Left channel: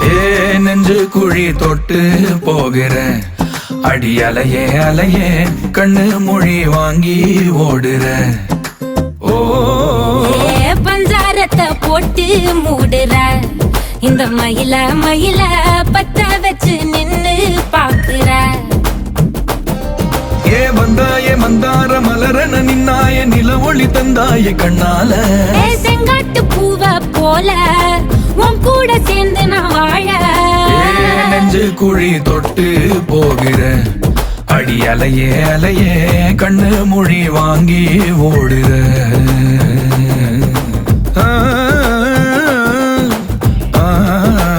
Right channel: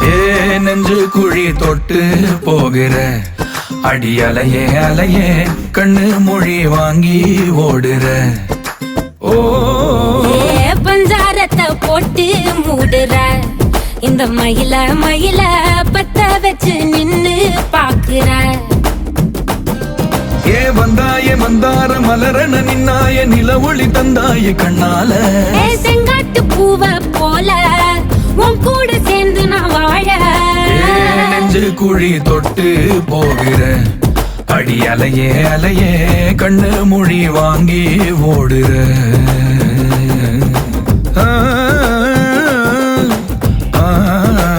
ஏ நெஞ்சு குழி தொட்டு போகிற அடி அலையே அலையே கண்ணு மொழி வாங்கி ஓடுற. ஓ பஞ்சாரத்தை போட்டு மூடுற இந்த மயில மயில பத்த வச்சு நின்னு பாக்குற. ஏ வந்தாய மந்தார மலரன நின்னாய நில ஒளி தந்தாய கண்ணால. செங்காட்டு பூவ போல உன் கூட சேர்ந்து நான் வாழ. நெஞ்சு குழி தொட்டு போகிற அடி அலையே அலையே கண்ணு மொழி வாங்கி ஓடுற. ஆ ஆ